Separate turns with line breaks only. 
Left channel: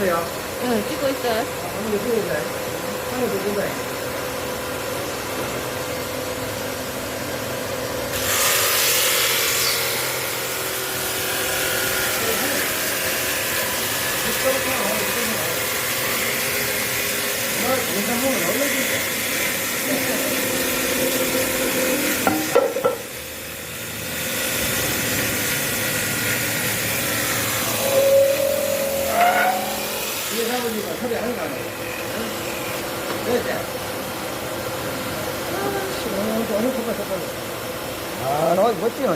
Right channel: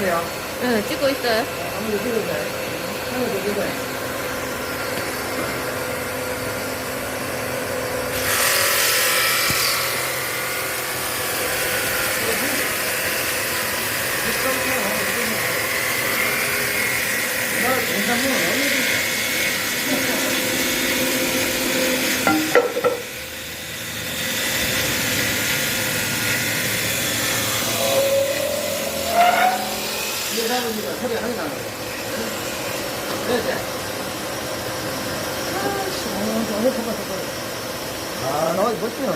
보세요.
응, 찍고 있어요.
한번 더 찍어줘요. 한번 더 찍어요. 이게 잡으니까 시원한 거 어느 순간 섞어요. 아, 나 멋지네.